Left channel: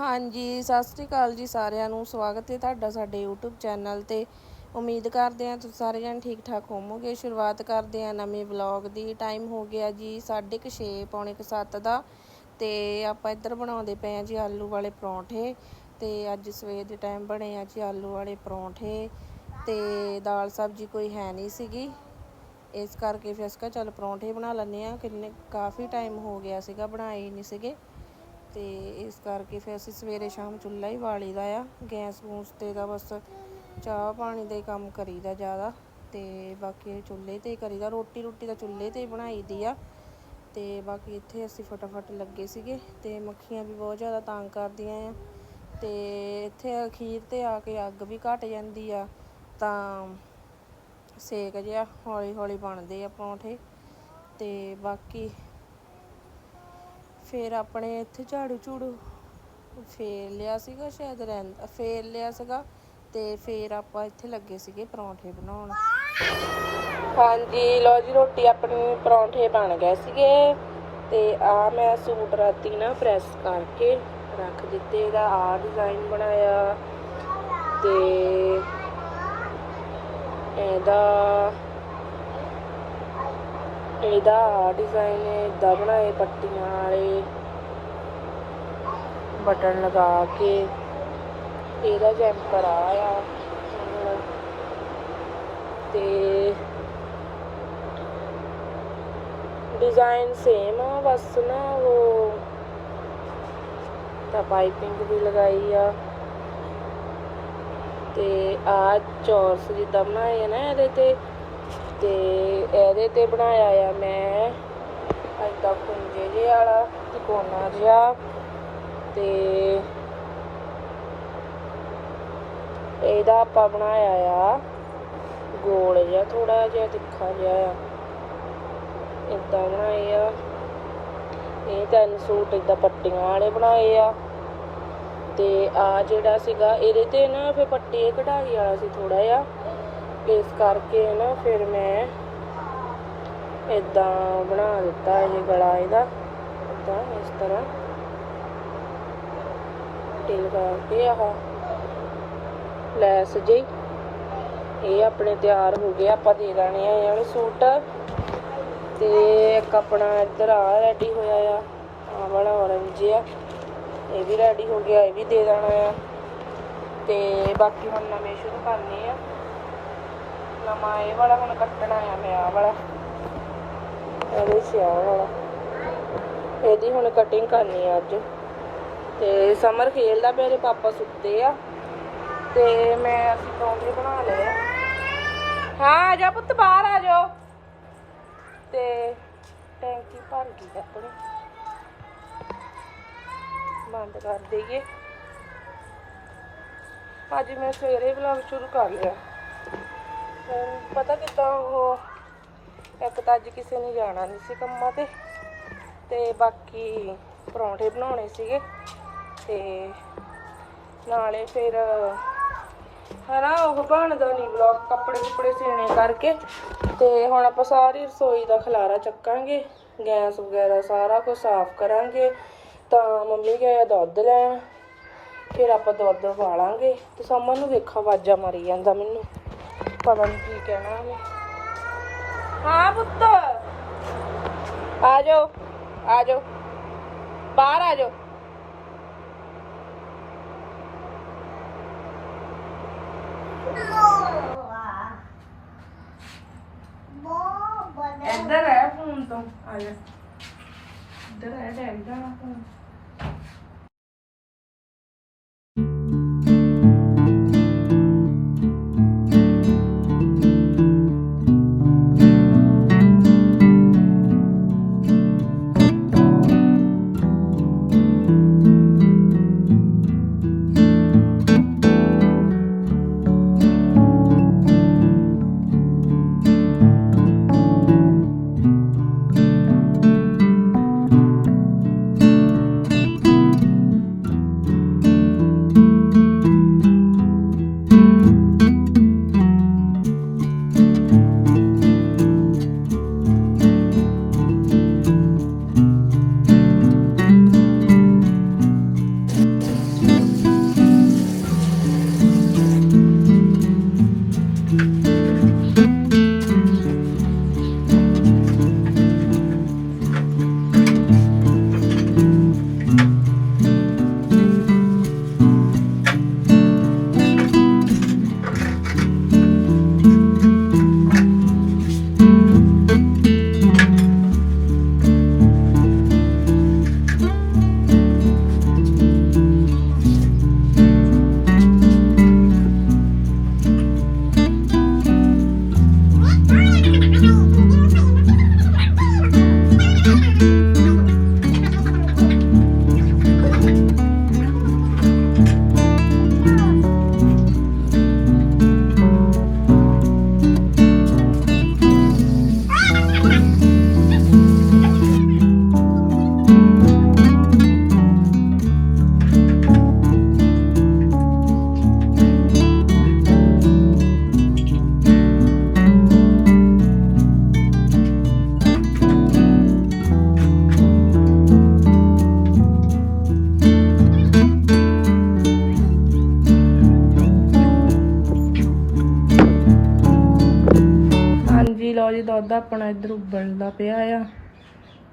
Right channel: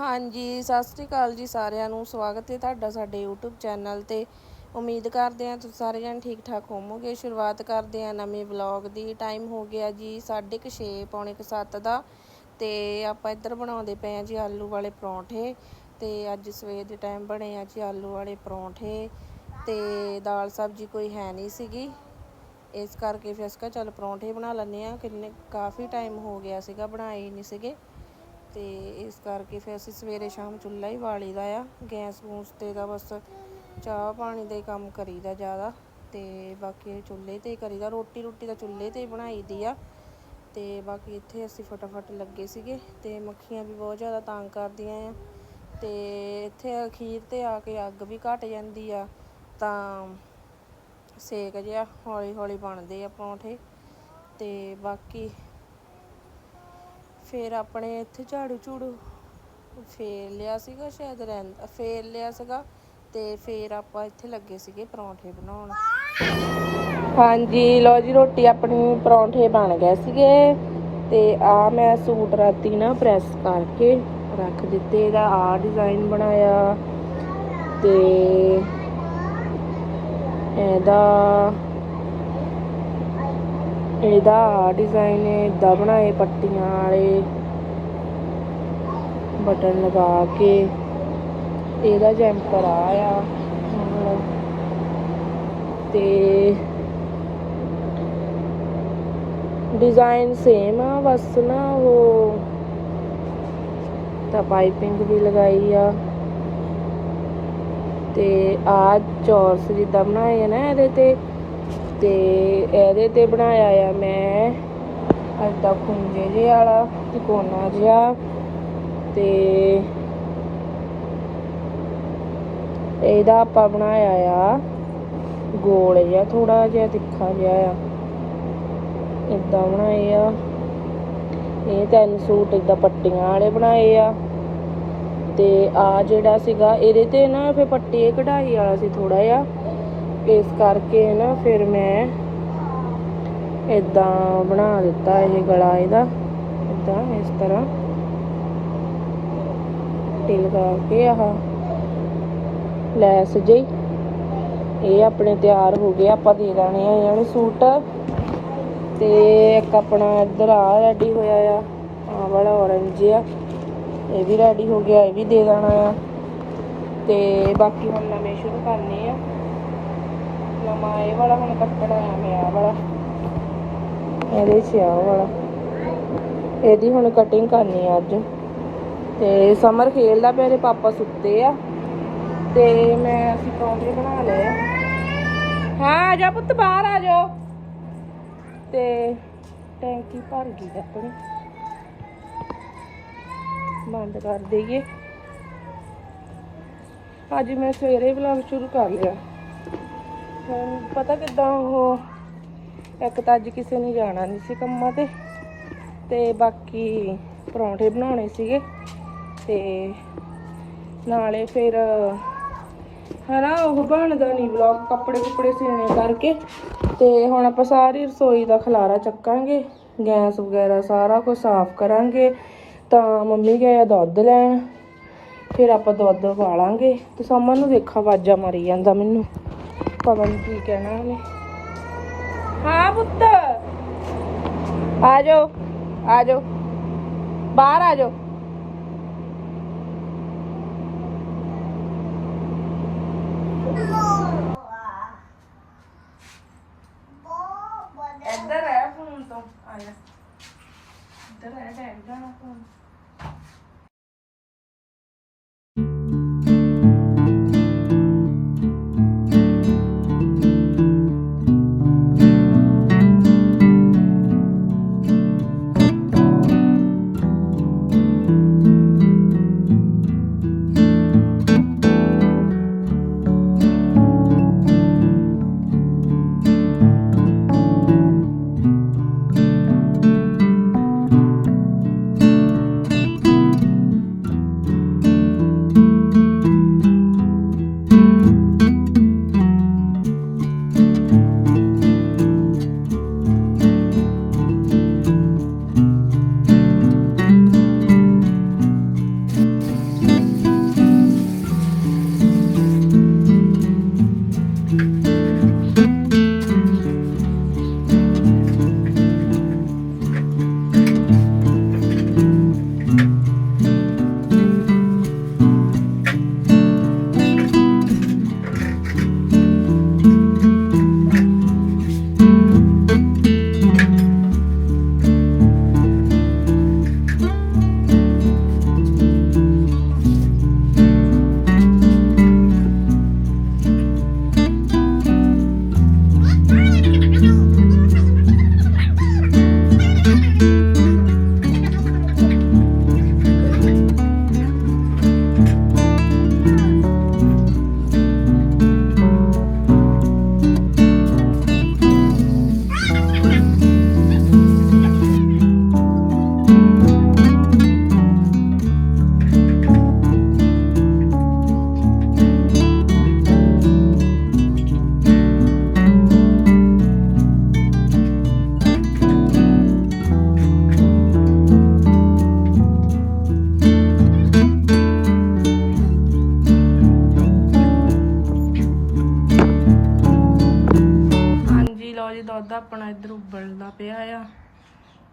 ਹਾਂਜੀ, ਸਤਿ ਸ੍ਰੀ ਅਕਾਲ ਜੀ ਸਾਰਿਆਂ ਨੂੰ। ਸਵਾਗਤ ਹੈ ਤੁਹਾਡਾ ਸਾਡੇ YouTube ਚੈਨਲ ਤੇ। ਉਮੀਦ ਕਰਦੇ ਹਾਂ ਤੁਸੀਂ ਸਾਰੇ ਜਣ ਠੀਕ ਠਾਕ ਹੋਵੋਗੇ। ਸ਼ੁਰੂਆਤ ਕਰਦੇ ਹਾਂ ਨਵੇਂ ਵਲੌਗ ਦੀ। ਟਾਈਮ ਹੋ ਗਿਆ ਜੀ 6:30 ਪੌਣੇ 7 ਦਾ। ਤੇ ਆਪਾਂ ਇੱਧਰ ਬਣਾਉਂਦੇ ਪਏ ਹਾਂ ਜੀ ਆਲੂ ਵਾਲੇ ਪਰੌਂਠੇ। ਤੇ ਅੱਜ ਸਵੇਰ ਦੇ ਟਾਈਮ ਬਣੇ ਆ ਜੀ ਆਲੂ ਵਾਲੇ ਪਰੌਂਠੇ। ਤੇ ਦਾਲ ਸਬਜ਼ੀ ਕੋਈ ਹੈ ਨਹੀਂ ਸੀਗੀ। ਇਸ ਕਰਕੇ ਫਿਰ ਅਸੀਂ ਕਿਹਾ ਚੱਲ ਪਰੌਂਠੇ ਬਣਾ ਲੈਂਦੇ ਆ ਕਿੰਨੇ ਕਾਫੀ ਟਾਈਮ ਹੋ ਗਿਆ ਸੀਗਾ, ਬਣਾਏ ਹੀ ਨਹੀਂ ਸੀਗੇ। ਤੇ ਇਸ ਕਰਕੇ ਫਿਰ ਅਸੀਂ ਸਵੇਰੇ ਸ਼ਾਮ ਚੁੱਲ੍ਹਾ ਹੀ ਬਾਲੀਦਾ ਆ, ਗੈਸ ਗੂਸ ਤੇ ਦਾ ਬਸ ਚਾਹ ਪਾਣੀ ਦਾ ਹੀ ਕੰਮ ਕਰੀਦਾ ਜ਼ਿਆਦਾ ਤੇ ਬਾਕੀ ਚੁੱਲ੍ਹੇ ਤੇ ਹੀ ਕਰੀਦਾ, ਰੋਟੀ ਰੋਟੀ ਤਾਂ ਚੁੱਲ੍ਹੇ ਤੇ ਹੀ ਬਣਾਈਦੀ ਆ ਤੇ ਬਾਕੀ ਇੱਥੇ ਅਸੀਂ ਫਟਾਫਟ ਲੱਗੇ ਸੀਗੇ ਤੇ ਮੱਖੀਆਂ ਵੀ ਬਹੁਤ ਜ਼ਿਆਦਾ ਤੰਗ ਕਰਦੀਆਂ ਆ ਤੇ ਇੱਥੇ ਅਖੀਰ ਤੇ ਆ ਕੇ ਅੱਗ ਵੀ ਘਟ ਜਾਂਦੀ ਆ ਤਾਂ ਸੇਕ ਜਿਹਾ ਹੌਲੀ ਹੌਲੀ ਬਣਦੇ ਆ ਪਰੌਂਠੇ ਤੇ ਬਾਕੀ ਫਿਰ ਆਪਣੇ ਇੱਥੇ ਝਾੜੂ ਝੂੜੂ ਫੇਰ ਲਿਆ ਸੀਗਾ ਸ਼ਾਇਦ ਰਹਿੰਦਾ ਫੇਰ ਲਿਆ ਸੀਗਾ ਤੇ ਫਿਰ ਆਪਾਂ ਇੱਥੇ ਲੱਗੇ ਸੀਗੇ ਪਰੌਂਠੇ ਬਣਾਉਣ। ਹਾਂਜੀ ਲੋ ਜੀ, ਰੋਟੀ ਆਪਣੀ ਪਰੌਂਠੇ ਬਣ ਗਏ ਸੀਗੇ ਤੇ ਆ ਮੈਂ ਸੂਟ ਰਾਤੀ ਨਾ ਪ੍ਰੈਸ ਕਰਕੇ ਰੱਖ ਦਿੱਤੇ, ਇਹਦਾ ਆ ਡਿਜ਼ਾਈਨ ਬਣਾਇਆ ਤੇ ਇਹਦਾ ਇਹਦਾ ਆ ਡਿਜ਼ਾਈਨ ਇਦਾਂ ਬਣਾਏ ਪੱਟੀਆਂ ਵਾਲੇ। ਬਟਨ ਲਗਾ ਕੇ ਇਹਦਾ ਜੈਂਪਰ ਆ ਆ। ਤੇ ਡਿਜ਼ਾਈਨ ਸੇਮ ਆ, ਬਸ ਨਾ ਉਹ ਤਾਂ ਪਾਈਪਿੰਗ ਵੀ ਲਗਾਈ ਆ। ਤੇ ਆ ਚੌਰਸ ਜਿੱਦਾਂ ਬਣਾਏ ਨਾ ਇਹਦੇ ਤੇ ਤੇ ਇਹਦੇ ਤੇ ਬਣਾਇਆ ਆ ਮੈਂ ਏਦਾਂ ਖੁੰਝੇ ਜਿਹੇ ਵਾਲਾ ਤਿਕੋਣਾ ਜਿਹਾ ਤੇ ਇਹਦਾ ਆਪਾਂ ਬਣਾਇਆ ਆ ਗੋਲ ਜਿਹਾ ਥੋੜਾ ਜਿਹਾ ਤਿੱਖਾ ਜਿਹਾ ਆ। ਇਦਾਂ ਬਣਾਏ ਆ। ਇਹ ਤਿੰਨ ਸੂਟ ਇਦਾਂ ਪੱਟੀਆਂ ਵਾਲੇ ਬਣਾਏ ਆ। ਤੇ ਆ ਜਿਹੜਾ ਸੀਗਾ, ਇਹਦੇ ਤੇ ਨਾ ਫਿਰ ਪੱਟੀ ਕਢਾਈ ਵਾਲਾ ਸੀ ਥੋੜਾ ਜਿਹਾ। ਇਸ ਕਰਕੇ ਨਾ ਫਿਰ ਮੈਂ ਇਦਾਂ ਬਣਾ ਦਿੱਤਾ ਇਹ ਗਲਾ ਇਹਦਾ। ਇਦਾਂ ਇਸ ਤਰ੍ਹਾਂ ਟਿਲ ਕਰਕੇ ਆਹ ਲੈਸ ਜਿਹੀ। ਇਹ ਆਪਣੇ ਤਿਆਰ ਹੋ ਗਏ, ਆਪਾਂ ਦੇ ਦੇਣੇ ਆ ਇਹਨੂੰ ਸੂਟ। ਤੇ ਇੱਕ ਆਪਣਾ ਇੱਧਰ ਆ ਰੈਡੀ ਹੋਇਆ ਆ ਆ ਵਾਲਾ orange ਆ। ਇਹ ਵੀ ਰੈਡੀ ਹੋ ਗਿਆ, ਇਹ ਵੀ ਦੇ ਦੇਣਾ ਆ। ਤੇ ਬਾਕੀ ਹੁਣ ਨਵੇਂ ਸ਼ੁਰੂ ਕਰਨੇ ਆ। ਨਵਾਂ ਇਹ ਵਾਲਾ, ਹੁਣ ਕੱਟਣਾ ਆ ਮੈਂ ਆ ਵਾਲਾ। ਇਹਦੇ ਚ ਆ ਵਾਲਾ। ਇਹਦੀ ਹੁਣ ਕਟਿੰਗ ਕਰਨੀ ਆ ਅੱਜ। ਤੇ ਸਮਰ ਖੇਲਦਾ ਪਿਆ ਪਾਪਾ ਸੁੱਤੇ ਆ। ਤੇ ਮੈਂ, ਅਸੀਂ ਪਰੌਂਠੇ ਬਣਾ ਲਏ ਆ। ਹਾਂ, ਆ ਜਾ ਪੁੱਤ, ਬਾਹਰ ਆ ਜਾ ਤੇ ਟੈਂਕੀ ਭਰ ਗਈ ਆਪਣੀ। ਬੰਦ ਕਰ ਦਈਏ। ਅੱਜ ਮੈਂ ਸਵੇਰੇ ਵਲੌਗ ਸ਼ੁਰੂ ਕਰ ਲਿਆ। ਹੁਣ ਪਤਾ ਕਿਦਾਂ ਉਹ ਇੱਕ ਤਾਂ ਅੱਜ ਕਿਸੇ ਨੇ ਜਾਣਾ ਨਹੀਂ ਸੀ ਕੰਮਾਂ ਤੇ ਤੇ ਬਾਕੀ ਪਰੌਂਠੇ ਬਣਾਉਣੇ ਸੀਗੇ ਤੇ ਨਾਲੇ ਫਿਰ ਹਨਾ ਉਹ ਬਣਦਾ ਨਹੀਂ ਵਲੌਗ ਕੱਪੜੇ ਕੁਪੜੇ ਸੀਣੇ ਕਰਕੇ ਤੇ ਹੁਣ ਆਪਾਂ ਸਾਰੀ ਰਸੋਈ ਦਾ ਖਲਾਰਾ ਚੱਕਾਂਗੇ, ਗੈਸ ਵਗੈਰਾ ਸਾਰਾ ਕੁਝ ਸਾਫ਼ ਕਰਾਂਗੇ, ਤਾਂ ਮੰਮੀ ਗਏ ਆ ਦੁੱਧ ਲੈਣ, ਫਿਰ ਆਪਾਂ ਦੁੱਧ ਵਾਲਾਂਗੇ ਤੇ ਸਾਮਾਂ ਨੂੰ ਵੇਖਾ ਆਵਾਜ਼ਾਂ ਮਾਰੀ ਜਾਂਦਾ ਮੈਨੂੰ। ਪਤਾ ਨਹੀਂ ਕੀ ਕਹਿਣਾ ਉਹਨੇ। ਹਾਂ ਪੁੱਤ। ਆ ਜਾਓ ਆ ਜਾਓ। ਬਾਹਰ ਆ ਜਾਓ। ਇੱਧਰ ਹੈ ਫੋਨ ਤੋਂ। ਆ ਜਾ। ਇੱਧਰ ਹੈ ਡੈਡੀ ਦਾ ਫੋਨ।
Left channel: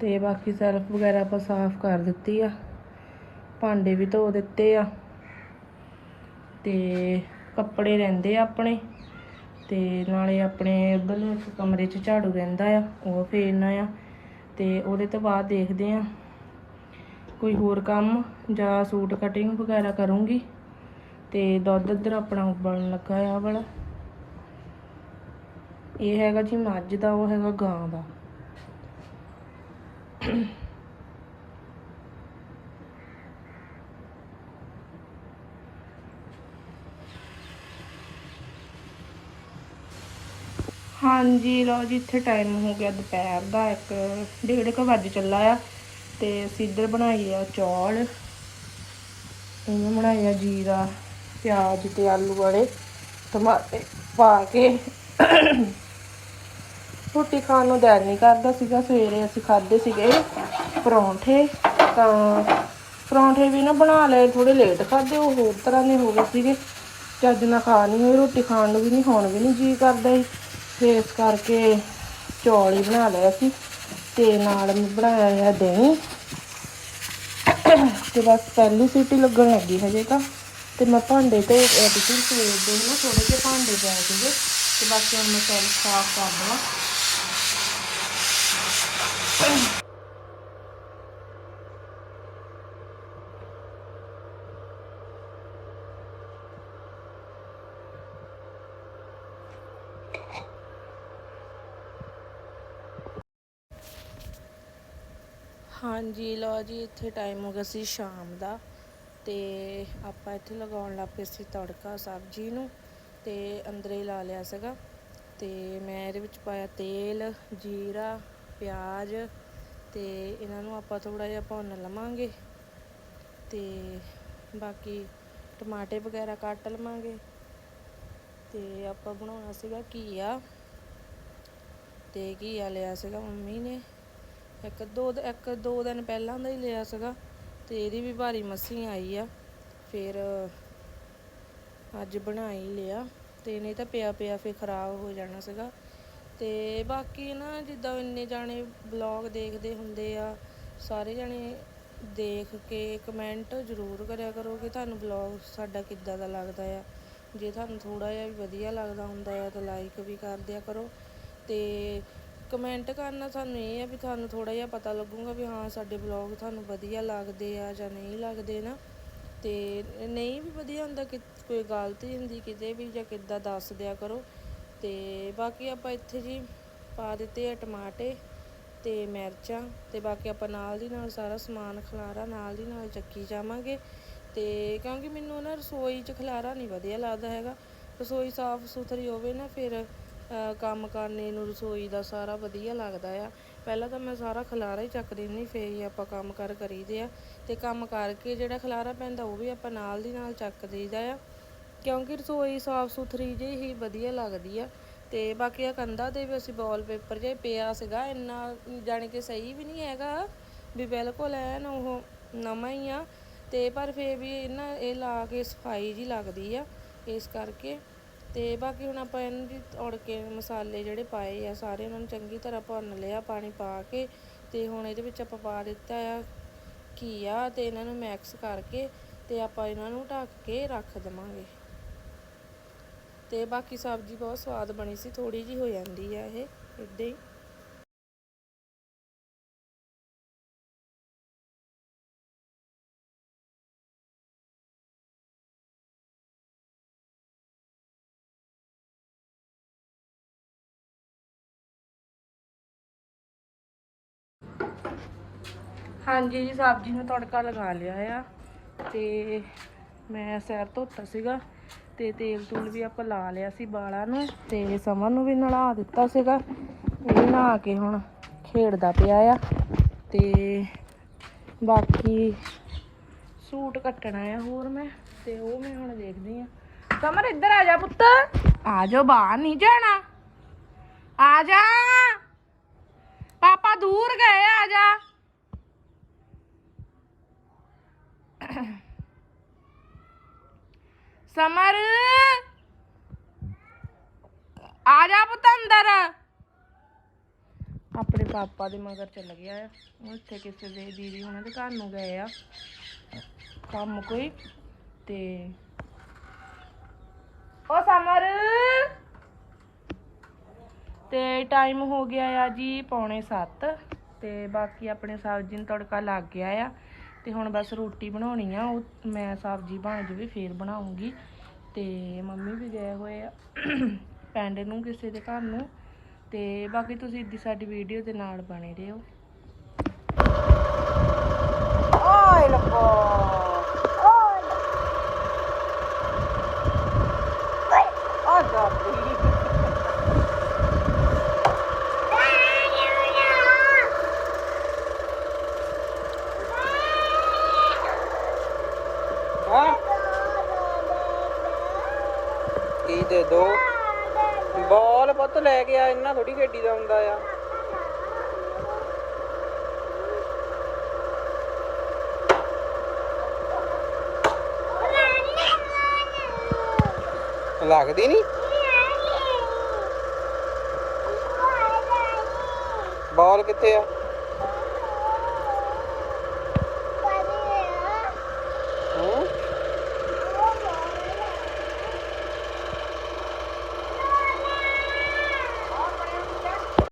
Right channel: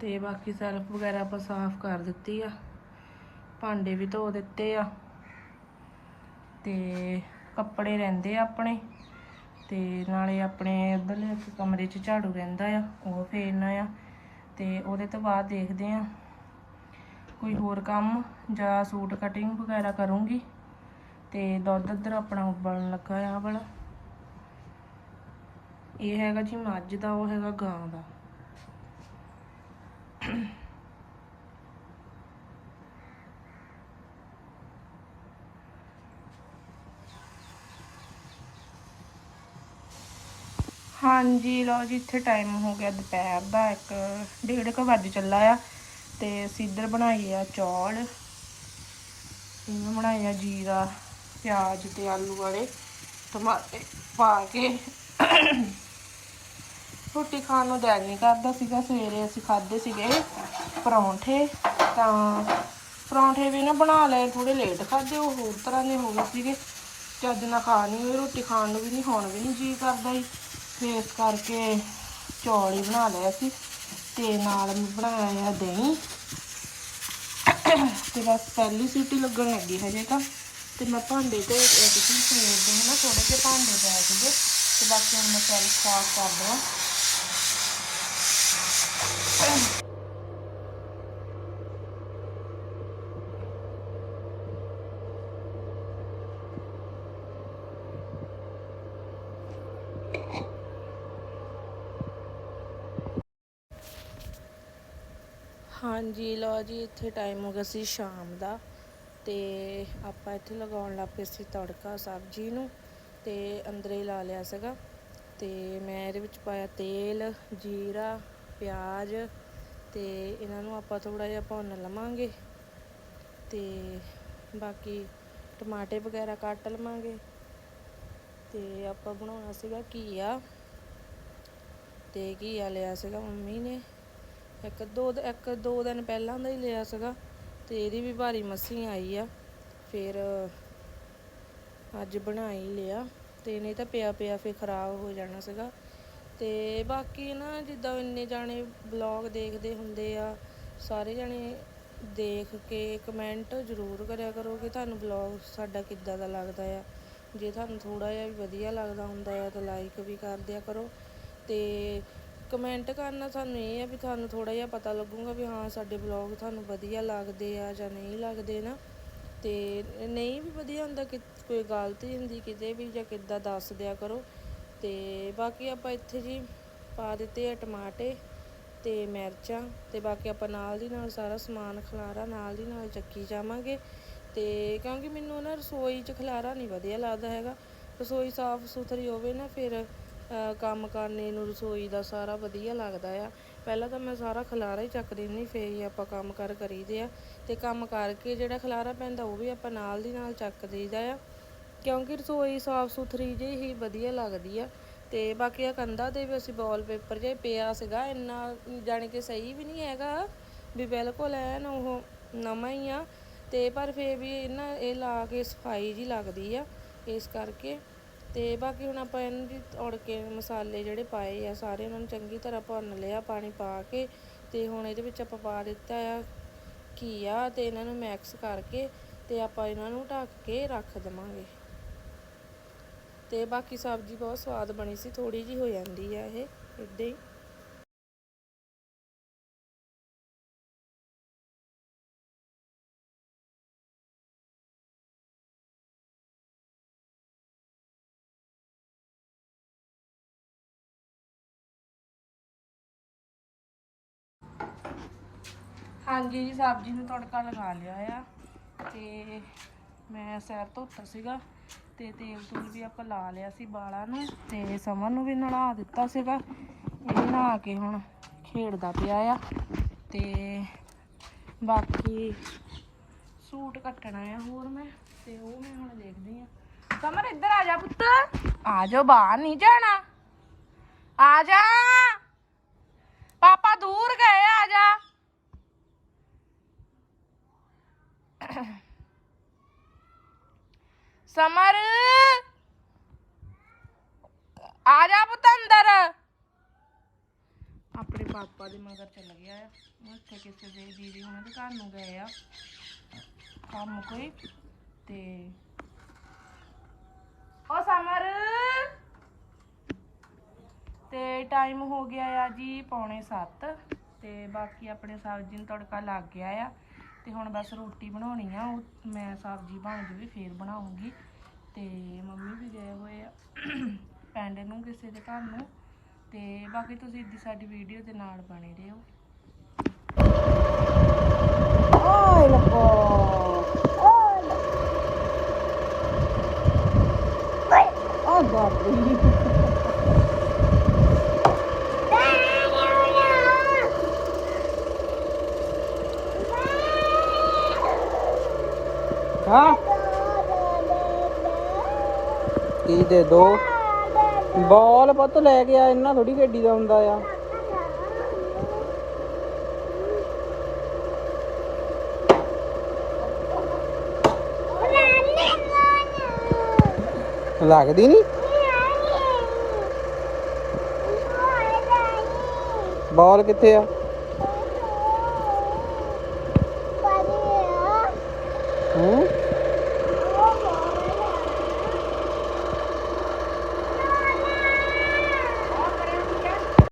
ਤੇ ਬਾਕੀ ਸੈਲਫ ਵਗੈਰਾ ਆਪਾਂ ਸਾਫ਼ ਕਰ ਦਿੱਤੀ ਆ। ਭਾਂਡੇ ਵੀ ਧੋ ਦਿੱਤੇ ਆ। ਤੇ ਕੱਪੜੇ ਰਹਿੰਦੇ ਆ ਆਪਣੇ। ਤੇ ਨਾਲੇ ਆਪਣੇ ਉਧਰਲੇ ਕਮਰੇ 'ਚ ਝਾੜੂ ਰਹਿੰਦਾ ਆ, ਉਹ ਫੇਰਨਾ ਆ। ਤੇ ਉਹਦੇ ਤੋਂ ਬਾਅਦ ਦੇਖਦੇ ਆ ਕੋਈ ਹੋਰ ਕੰਮ ਜਾਂ ਸੂਟ ਕਟਿੰਗ ਵਗੈਰਾ ਕਰੂੰਗੀ। ਤੇ ਦੁੱਧ ਇੱਧਰ ਆਪਣਾ ਉਬਲਣ ਲੱਗਾ ਆ ਵਾਲਾ। ਇਹ ਹੈਗਾ ਜੀ ਮੱਝ ਦਾ, ਉਹ ਹੈਗਾ ਗਾਂ ਦਾ। ਹਾਂਜੀ, ਲਓ ਜੀ, ਇੱਥੇ ਟਾਈਮ ਹੋ ਗਿਆ ਦੁਪਹਿਰ ਦਾ, ਇੱਕ ਡੇਢ ਕੁ ਵੱਜ ਚੱਲਾ ਆ। ਤੇ ਅਸੀਂ ਇੱਧਰ ਬਣਾਈ ਆ ਚੌਲ, ਇਹਨੂੰ ਬਣਾਏ ਆ ਜੀਰਾ, ਪਿਆਜ਼ ਤੇ ਆਲੂ ਵਾਲੇ ਟਮਾਟੇ ਪਾ ਕੇ। ਰੋਟੀ ਖਾਣ ਨੂੰ ਦਿਲ ਨਹੀਂ ਕਰਦਾ ਸੀਗਾ, ਸਵੇਰੇ ਅਸੀਂ ਖਾਦੇ ਸੀਗੇ ਪਰੌਂਠੇ, ਤਾਂ ਪਰੌਂਠੇ ਵੀ ਨਾ ਬਣਾ ਲਏ ਥੋੜੇ ਲੇਟ ਖਾਦੇ ਉਹ ਹੋਰ ਤਰ੍ਹਾਂ ਦੇ ਹੋ ਗਏ ਸੀਗੇ। ਚੱਜ ਨਾਲ ਖਾ ਨਹੀਂ ਹੋਈ ਰੋਟੀ ਖਾਣ ਨੂੰ ਵੀ ਨਹੀਂ ਹੋਣ ਵੀ ਨਹੀਂ ਜੀ ਕਰਦਾ ਸੀ। ਫਿਰ ਇਸ ਕਰਕੇ ਚੌਲ ਹੀ ਬਣਾ ਲਏ ਅਸੀਂ ਤੇ ਨਾਲ ਬਣਾਇਆ ਹੈ ਦਹੀਂ। ਤੇ ਬਸ ਪਹਿਲੀ ਸੀਟੀ ਲੱਗਣ ਲੱਗੀ ਹਜੇ ਤਾਂ। ਤੇ ਮੈਂ ਭਾਂਡੇ ਤੇ ਐਡੀਟਿੰਗ ਸਵੇਰ ਦੇ ਨਾ ਥੋੜੇ ਜਿਹੇ ਭਾਂਡੇ ਪੈ ਸੀਗੇ। ਤੇ ਬਾਕੀ ਹੁਣ ਮੈਂ ਸੈਲ ਸਾਫ਼ ਕਰ ਦਵਾਂ। ਹਾਂਜੀ, ਲਓ ਜੀ, ਇੱਥੇ ਟਾਈਮ ਹੋ ਗਿਆ ਸੀ ਸ਼ਾਮ ਦਾ ਤੇ ਆਪਾਂ ਇੱਥੇ ਲਗਾਉਣ ਲੱਗ ਪਏ ਸੀ ਤੜਕਾ ਸਬਜ਼ੀ ਨੂੰ ਤੇ ਅੰਦਰੇ ਹੀ ਲਾ ਲਿਆ ਸੀਗਾ ਤੇ ਮੈਂ ਇਹਦੇ ਵਿੱਚ ਪਾਇਆ ਤੇਲ, ਜੀਰਾ, ਪਿਆਜ਼ ਤੇ ਇਹਨਾਂ ਨੂੰ ਆਪਾਂ ਥੋੜਾ ਜਿਹਾ ਭੁੰਨ ਲਵਾਂਗੇ ਤੇ ਬਾਕੀ ਟਮਾਟੇ ਵਗੈਰਾ ਕੱਟ ਲਵਾਂਗੇ ਤੇ ਆਪਾਂ ਬਣਾਉਣਾ ਸੀਗਾ ਘੀਆ ਤੇ ਘੀਆ ਲਿਆ ਸੀਗਾ ਮੰਮੀ ਨੇ ਇੱਕ ਦੋ ਦ- ਇੱਕ ਦੋ ਦਿਨ ਪਹਿਲਾਂ ਦਾ ਹੀ ਲਿਆ ਸੀਗਾ ਤੇ ਇਹਦੀ ਵੀ ਭਾਰੀ ਮੱਸੀ ਆਈ ਆ, ਫਿਰ ਅੱਜ ਬਣਾਈ ਲਿਆ ਤੇ ਨਹੀਂ ਤਾਂ ਪਿਆ ਪਿਆ ਫਿਰ ਖਰਾਬ ਹੋ ਜਾਣਾ ਸੀਗਾ। ਤੇ ਬਾਕੀ ਨਾ ਜਿੱਦਾਂ ਇੰਨੇ ਜਾਣੇ ਬਲੌਗ ਦੇਖਦੇ ਹੁੰਦੇ ਆ, ਸਾਰੇ ਜਾਣੇ ਦੇਖ ਕੇ ਕਮੈਂਟ ਜ਼ਰੂਰ ਕਰਿਆ ਕਰੋ ਕਿ ਤੁਹਾਨੂੰ ਬਲੌਗ ਸਾਡਾ ਕਿੱਦਾਂ ਦਾ ਲੱਗਦਾ ਆ। ਜੇ ਤੁਹਾਨੂੰ ਥੋੜਾ ਜਿਹਾ ਵੀ ਵਧੀਆ ਲੱਗਦਾ ਹੁੰਦਾ ਆ ਤਾਂ ਲਾਈਕ ਵੀ ਕਰ ਦਿਆ ਕਰੋ। ਤੇ ਕਮੈਂਟ ਕਰਨਾ ਸਾਨੂੰ ਇਹ ਆ ਵੀ ਤੁਹਾਨੂੰ ਥੋੜਾ ਜਿਹਾ ਪਤਾ ਲੱਗੂਗਾ ਵੀ ਹਾਂ, ਸਾਡੇ ਬਲੌਗ ਤੁਹਾਨੂੰ ਵਧੀਆ ਲੱਗਦੇ ਆ ਜਾਂ ਨਹੀਂ ਲੱਗਦੇ ਨਾ। ਤੇ ਨਹੀਂ ਵੀ ਵਧੀਆ ਹੁੰਦਾ ਕਿ ਕੋਈ ਗਲਤੀ ਹੁੰਦੀ, ਕਿਤੇ ਵੀ ਜਾਂ ਕਿੱਦਾਂ ਦੱਸ ਦਿਆ ਕਰੋ। ਤੇ ਬਾਕੀ ਆਪਾਂ ਇੱਥੇ ਜੀ ਪਾ ਦਿੱਤੇ ਆ ਟਮਾਟੇ ਤੇ ਮਿਰਚਾਂ ਤੇ ਬਾਕੀ ਆਪਾਂ ਨਾਲ ਦੀ ਨਾਲ ਸਾਰਾ ਸਮਾਨ ਖਲਾਰਾ ਨਾਲ ਦੀ ਨਾਲ ਚੱਕੀ ਜਾਵਾਂਗੇ। ਤੇ ਕਿਉਂਕਿ ਮੈਨੂੰ ਨਾ ਰਸੋਈ 'ਚ ਖਲਾਰਾ ਨਹੀਂ ਵਧੀਆ ਲੱਗਦਾ ਹੈਗਾ। ਰਸੋਈ ਸਾਫ਼ ਸੁਥਰੀ ਹੋਵੇ ਨਾ ਫਿਰ ਕੰਮ ਕਰਨੇ ਨੂੰ, ਰਸੋਈ ਦਾ ਸਾਰਾ ਵਧੀਆ ਲੱਗਦਾ ਆ। ਪਹਿਲਾਂ ਤਾਂ ਮੈਂ ਸਾਰਾ ਖਲਾਰਾ ਹੀ ਚੱਕ ਦਿੰਦੀ ਫੇਰ ਹੀ ਆਪਾਂ ਕੰਮ ਕਰ ਕਰੀਦੇ ਆ। ਤੇ ਕੰਮ ਕਰਕੇ ਜਿਹੜਾ ਖਲਾਰਾ ਪੈਂਦਾ, ਉਹ ਵੀ ਆਪਾਂ ਨਾਲ ਦੀ ਨਾਲ ਚੱਕ ਦੇਈਦਾ ਆ। ਕਿਉਂਕਿ ਰਸੋਈ ਸਾਫ਼ ਸੁਥਰੀ ਜਿਹੀ ਹੀ ਵਧੀਆ ਲੱਗਦੀ ਆ। ਤੇ ਬਾਕੀ ਆ ਕੰਧਾਂ ਤੇ ਵੀ ਅਸੀਂ ਵਾਲ ਪੇਪਰ ਜਿਹਾ ਪਿਆ ਸੀਗਾ, ਇੰਨਾ ਜਾਣੀ ਕਿ ਸਹੀ ਵੀ ਨਹੀਂ ਹੈਗਾ, ਵੀ ਬਿਲਕੁਲ ਐਨ ਉਹ ਨਵਾਂ ਹੀ ਆ। ਤੇ ਪਰ ਫੇਰ ਵੀ ਇਹਨਾਂ, ਇਹ ਲਾ ਕੇ ਸਫ਼ਾਈ ਜੀ ਲੱਗਦੀ ਆ, ਇਸ ਕਰਕੇ ਤੇ ਬਾਕੀ ਹੁਣ ਆਪਾਂ ਇਹਨੂੰ ਜੀ ਤੋੜ ਕੇ ਮਸਾਲੇ ਜਿਹੜੇ ਪਾਏ ਆ, ਸਾਰੇ ਉਹਨਾਂ ਨੂੰ ਚੰਗੀ ਤਰ੍ਹਾਂ ਭੁੰਨ ਲਿਆ, ਪਾਣੀ ਪਾ ਕੇ ਤੇ ਹੁਣ ਇਹਦੇ ਵਿੱਚ ਆਪਾਂ ਪਾ ਦਿੱਤਾ ਆ ਘੀਆ ਤੇ ਇਹਨਾਂ ਨੂੰ ਮਿਕਸ ਕਰਕੇ ਤੇ ਆਪਾਂ ਇਹਨਾਂ ਨੂੰ ਢੱਕ ਕੇ ਰੱਖ ਦੇਵਾਂਗੇ। ਤੇ ਬਾਕੀ ਸਬਜ਼ੀ ਬਹੁਤ ਸਵਾਦ ਬਣੀ ਸੀ ਥੋੜੀ ਜੀ ਹੋ ਜਾਂਦੀ ਆ ਇਹ ਇੱਦਾਂ ਹੀ। ਹਾਂਜੀ ਜੀ, ਸਬਜ਼ੀ ਨੂੰ ਤੜਕਾ ਲਗਾ ਲਿਆ ਆ ਤੇ ਮੈਂ ਸੈਰ ਧੋਤਾ ਸੀਗਾ ਤੇ ਤੇਲ ਤੂਲ ਵੀ ਆਪਾਂ ਲਾ ਲਿਆ ਸੀ ਬਾਲਾਂ ਨੂੰ ਤੇ ਸਮਰ ਨੂੰ ਵੀ ਨਲਾ ਦਿੱਤਾ ਸੀਗਾ। ਇਹ ਨਹਾ ਕੇ ਹੁਣ ਖੇਡਦਾ ਪਿਆ ਆ ਤੇ ਬਾਕੀ ਸੂਟ ਕੱਟਣਾ ਆ ਹੋਰ ਮੈਂ ਤੇ ਉਹ ਮੈਂ ਹੁਣ ਦੇਖਦੀ ਆ। ਸਮਰ ਇੱਧਰ ਆ ਜਾ ਪੁੱਤ। ਆ ਜਾ ਬਾਹਰ ਨਹੀਂ ਜਾਣਾ। ਆ ਜਾ। ਪਾਪਾ ਦੂਰ ਗਏ, ਆ ਜਾ। ਸਮਰ। ਆ ਜਾ ਪੁੱਤ ਅੰਦਰ। ਪਾਪਾ ਦੇ ਮਗਰ ਚੱਲ ਗਿਆ ਆ। ਉਹ ਇੱਥੇ ਕਿਸੇ ਦੇ ਦੀਦੀ ਉਹਨਾਂ ਦੇ ਘਰ ਨੂੰ ਗਏ ਆ। ਕੰਮ ਕੋਈ ਤੇ ਉਹ ਸਮਰ। ਤੇ ਟਾਈਮ ਹੋ ਗਿਆ ਆ ਜੀ ਪੌਣੇ 7 ਤੇ ਬਾਕੀ ਆਪਣੇ ਸਬਜ਼ੀ ਨੂੰ ਤੜਕਾ ਲੱਗ ਗਿਆ ਆ। ਤੇ ਹੁਣ ਬਸ ਰੋਟੀ ਬਣਾਉਣੀ ਆ, ਉਹ ਮੈਂ ਸਬਜ਼ੀ ਬਣ ਜਵੇ ਫੇਰ ਬਣਾਉਂਗੀ। ਤੇ ਮੰਮੀ ਵੀ ਗਏ ਹੋਏ ਆ ਪਿੰਡ ਨੂੰ ਕਿਸੇ ਦੇ ਘਰ ਨੂੰ। ਤੇ ਬਾਕੀ ਤੁਸੀਂ ਇੱਦੀ ਸਾਡੀ ਵੀਡੀਓ ਦੇ ਨਾਲ ਬਣੇ ਰਹੋ। ਆਏ ਲੱਗਾ ਆ ਦਾਦੀ ਹਾਂ ਕੀ ਦੇ ਦੋ। ਬਾਲ ਪੁੱਤ ਲੈ ਕੇ ਆ, ਇੰਨਾ ਥੋੜੀ ਗੱਡੀ ਦਾ ਹੁੰਦਾ ਆ। ਲੱਗਦੀ ਨਹੀਂ ਬਾਲ ਕਿੱਥੇ ਆ?